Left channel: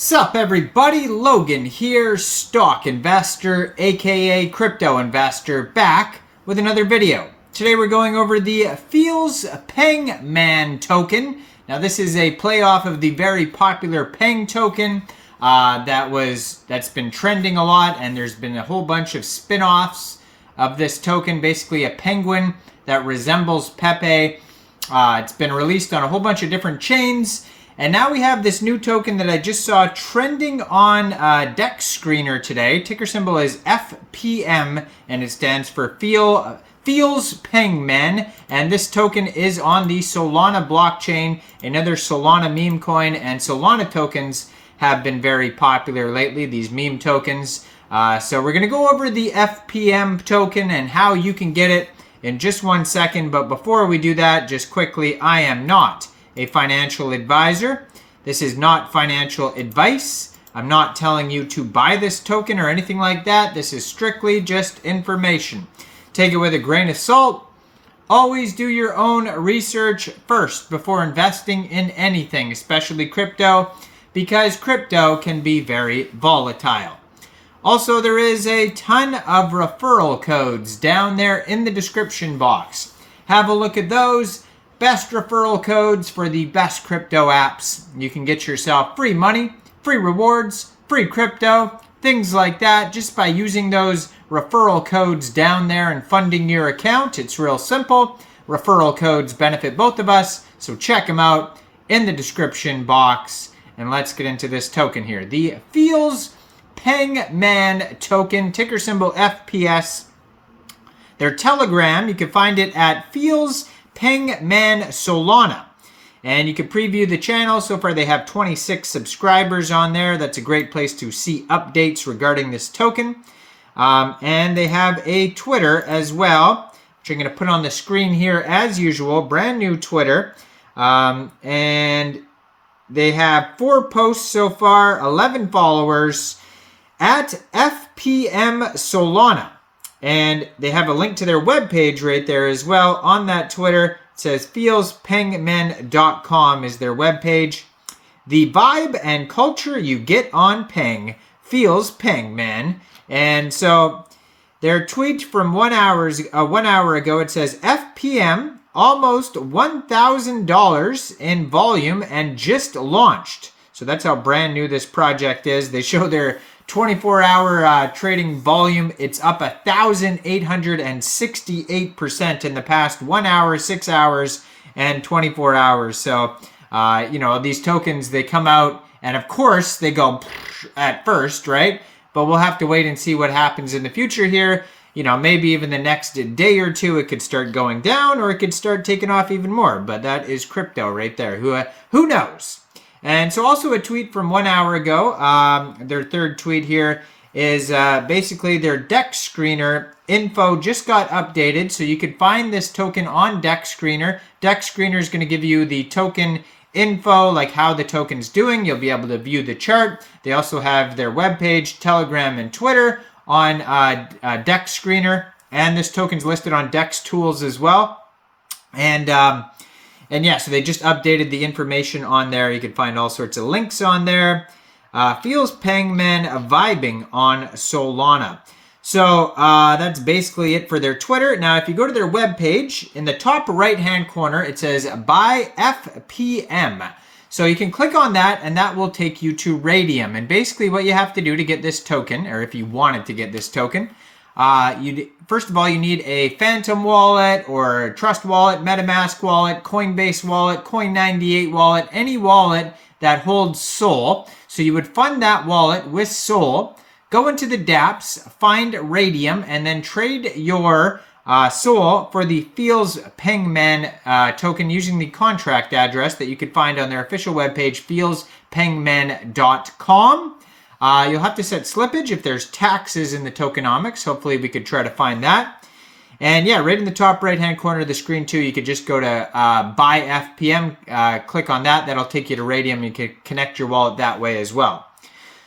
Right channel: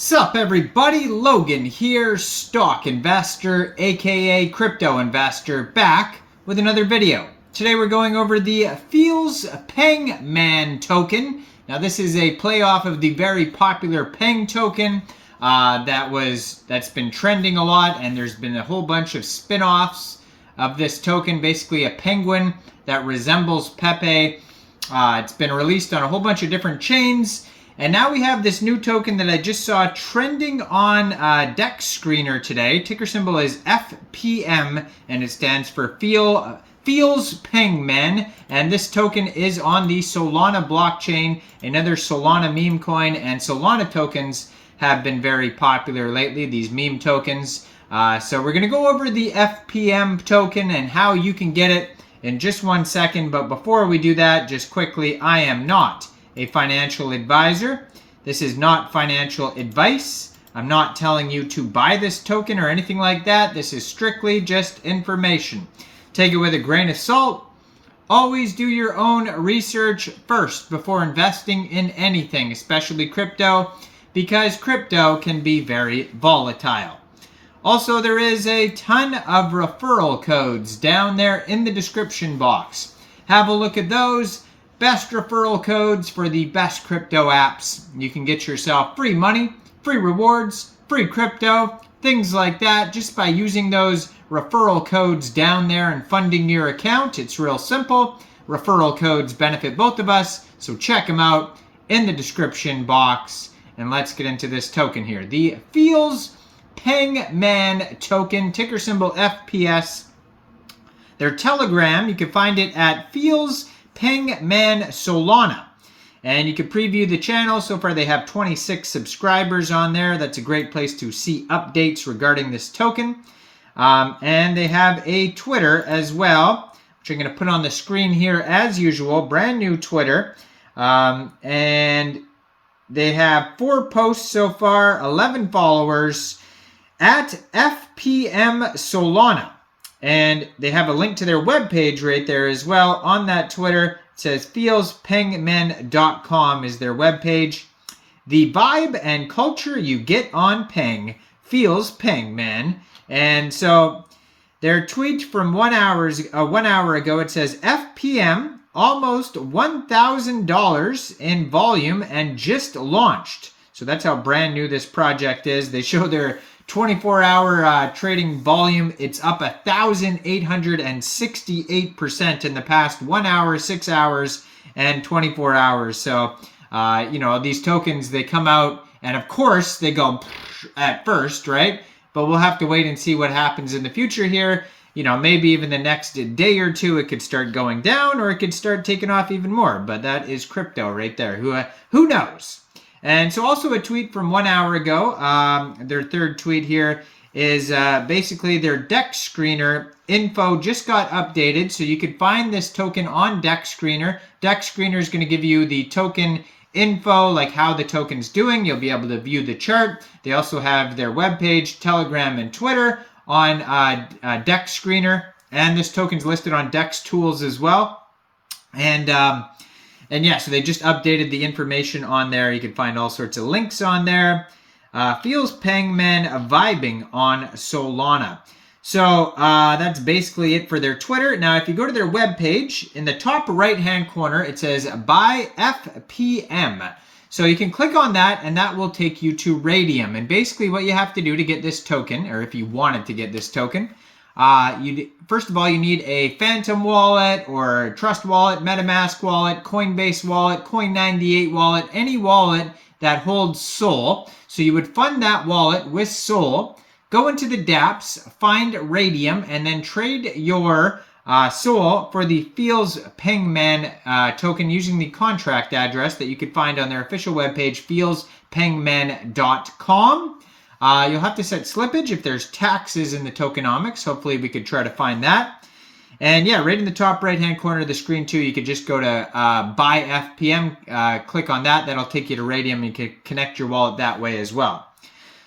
Sup everybody, Logan here, stock investor, aka crypto investor, back with another video. Today we're going over the Feels Peng Man token. Now this is a play off of the very popular Peng token that's been trending a lot, and there's been a whole bunch of spin-offs of this token, basically a penguin that resembles Pepe. It's been released on a whole bunch of different chains. And now we have this new token that I just saw trending on DEX Screener today. Ticker symbol is FPM, and it stands for Feels Peng Man. And this token is on the Solana blockchain, another Solana meme coin. And Solana tokens have been very popular lately, these meme tokens. So we're going to go over the FPM token and how you can get it in just 1 second. But before we do that, just quickly, I am not a financial advisor. This is not financial advice. I'm not telling you to buy this token or anything like that. This is strictly just information. Take it with a grain of salt. Always do your own research first before investing in anything, especially crypto, because crypto can be very volatile. Also, there is a ton of referral codes down there in the description box. Have a look at those. Best referral codes for the best crypto apps. You can get yourself free money, free rewards, free crypto, things like that just by using those referral codes down there and funding your account. It's real simple. Referral codes benefit both of us, so check them out in the description box. And let's get into this token here. The Feels Peng Man token, ticker symbol FPS. Their Telegram, you can find it at Feels Peng Man Solana. And you can preview the channel. So far they have 26 subscribers on there. That's a great place to see updates regarding this token. And they have a Twitter as well, which I'm going to put on the screen here as usual. Brand new Twitter. And they have 4 posts so far, 11 followers at FPM Solana. And they have a link to their webpage right there as well on that Twitter. It says feelspengmen.com is their webpage. The vibe and culture you get on Peng feels Peng Man. And so their tweet from 1 hour ago, it says FPM almost $1,000 in volume and just launched. So that's how brand new this project is. They show their 24-hour trading volume. It's up 1,868% in the past 1 hour, 6 hours, and 24 hours. So, these tokens, they come out, and of course, they go at first, right? But we'll have to wait and see what happens in the future here. Maybe even the next day or two, it could start going down, or it could start taking off even more. But that is crypto right there. Who knows? And so also a tweet from 1 hour ago, their third tweet here is basically their DEX Screener info just got updated. So you could find this token on DEX Screener. DEX Screener is going to give you the token info, like how the token's doing. You'll be able to view the chart. They also have their webpage, Telegram, and Twitter on DEX Screener. And this token's listed on DEX Tools as well. And yeah, so they just updated the information on there. You can find all sorts of links on there. Feels Peng Man vibing on Solana. So that's basically it for their Twitter. Now, if you go to their webpage, in the top right-hand corner, it says Buy FPM. So you can click on that, and that will take you to Raydium. And basically what you have to do to get this token, or if you wanted to get this token, first of all, you need a Phantom wallet or a Trust wallet, MetaMask wallet, Coinbase wallet, Coin98 wallet, any wallet that holds Sol. So you would fund that wallet with Sol, go into the dApps, find Raydium, and then trade your Sol for the Feels Peng Man token using the contract address that you could find on their official webpage, feelspengmen.com. You'll have to set slippage if there's taxes in the tokenomics. Hopefully we could try to find that. And yeah, right in the top right-hand corner of the screen too, you could just go to Buy FPM, click on that. That'll take you to Raydium. You can connect your wallet that way as well.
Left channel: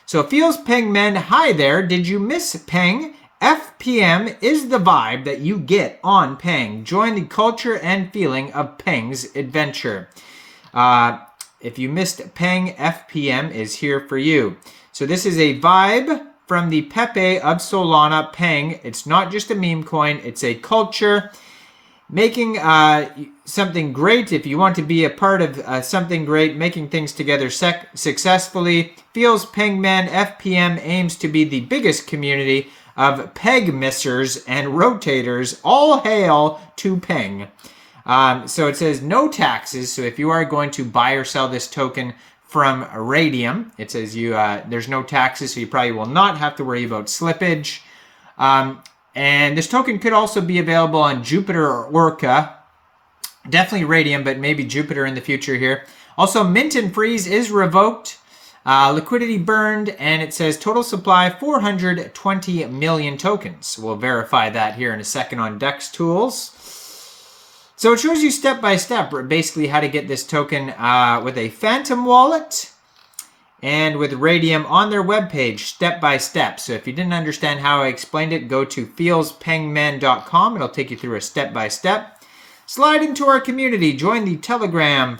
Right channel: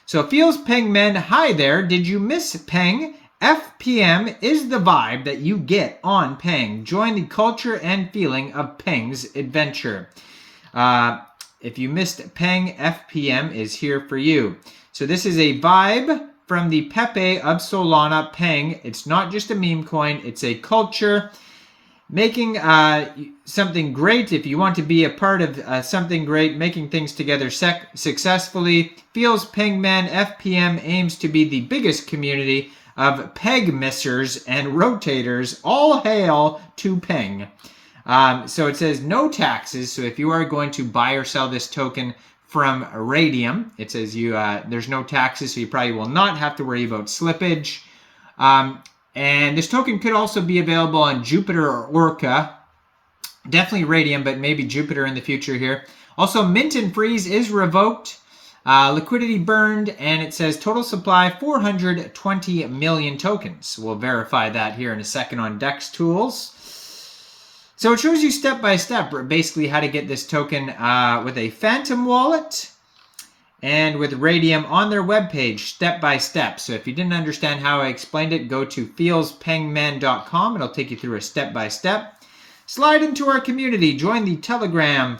So Feels Peng Men, hi there. Did you miss Peng? FPM is the vibe that you get on Peng. Join the culture and feeling of Peng's adventure. if you missed Peng, FPM is here for you. So this is a vibe from the Pepe of Solana, Peng. It's not just a meme coin, it's a culture. Making something great. If you want to be a part of something great, making things together successfully, Feels Pengman FPM aims to be the biggest community of peg missers and rotators. All hail to Peng. So it says no taxes. So if you are going to buy or sell this token from Raydium, it says there's no taxes, so you probably will not have to worry about slippage. And this token could also be available on Jupiter or Orca. Definitely Raydium, but maybe Jupiter in the future here. Also, mint and freeze is revoked. Liquidity burned, and it says total supply 420 million tokens. We'll verify that here in a second on DEX tools. So it shows you step by step basically how to get this token with a Phantom wallet and with Raydium on their webpage, step by step. So if you didn't understand how I explained it, go to feelspengman.com. It'll take you through a step by step. Slide into our community. Join the Telegram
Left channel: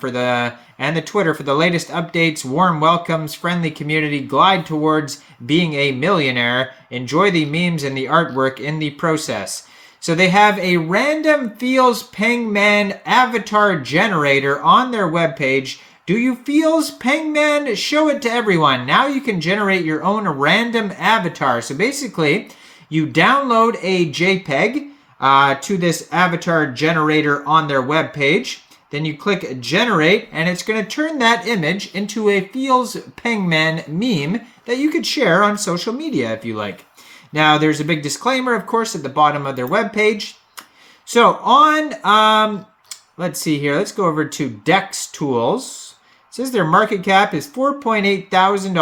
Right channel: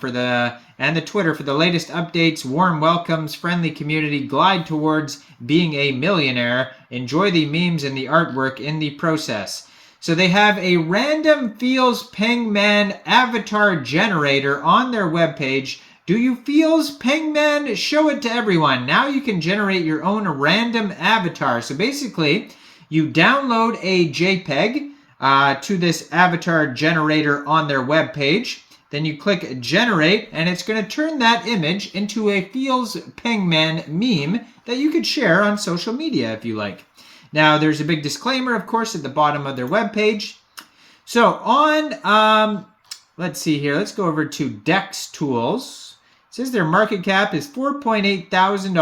and the Twitter for the latest updates, warm welcomes, friendly community. Glide towards being a millionaire. Enjoy the memes and the artwork in the process. So they have a random Feels Pengman avatar generator on their webpage. Do you Feels Pengman? Show it to everyone. Now you can generate your own random avatar. So basically, you download a JPEG to this avatar generator on their webpage. Then you click generate, and it's going to turn that image into a Feels Pengman meme that you could share on social media if you like. Now, there's a big disclaimer, of course, at the bottom of their webpage. So on, let's see here. Let's go over to DEX tools. It says their market cap is $4.8 thousand.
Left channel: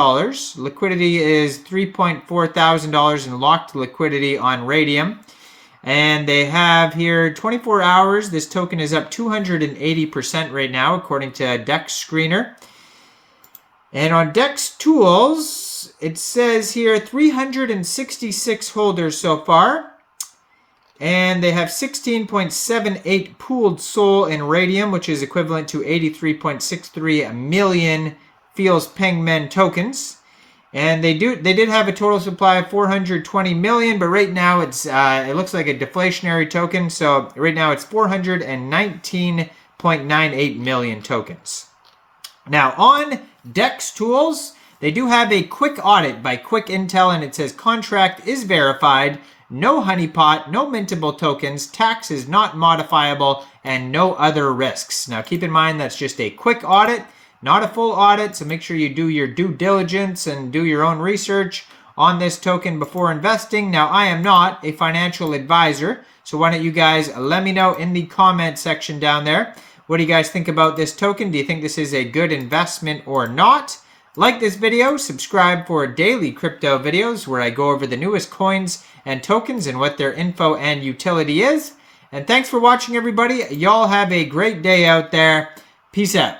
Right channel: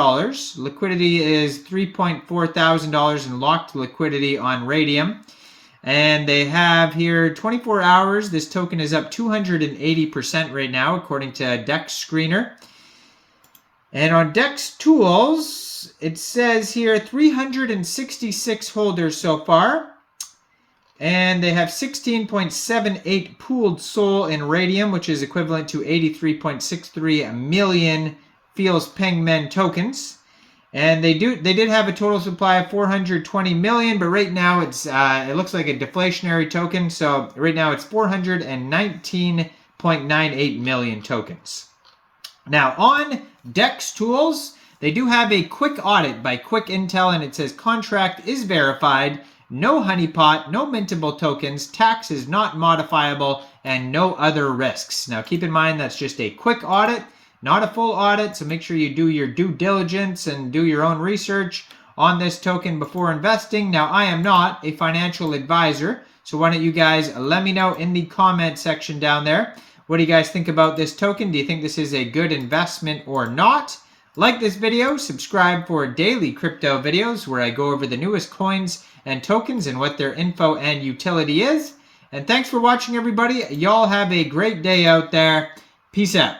Liquidity is $3.4 thousand in locked liquidity on Raydium. And they have here 24 hours. This token is up 280% right now, according to DEX Screener. And on DEX tools, it says here 366 holders so far. And they have 16.78 pooled SOL in Raydium, which is equivalent to 83.63 million Feels Pengman tokens. And they did have a total supply of 420 million, but right now it looks like a deflationary token. So right now it's 419.98 million tokens. Now on DEX tools, they do have a quick audit by Quick Intel, and it says contract is verified. No honeypot, no mintable tokens, tax is not modifiable, and no other risks. Now keep in mind that's just a quick audit, not a full audit, so make sure you do your due diligence and do your own research on this token before investing. Now I am not a financial advisor, so why don't you guys let me know in the comment section down there. What do you guys think about this token? Do you think this is a good investment or not? Like this video, subscribe for daily crypto videos where I go over the newest coins and tokens and what their info and utility is. And thanks for watching, everybody. Y'all have a great day out there. Peace out.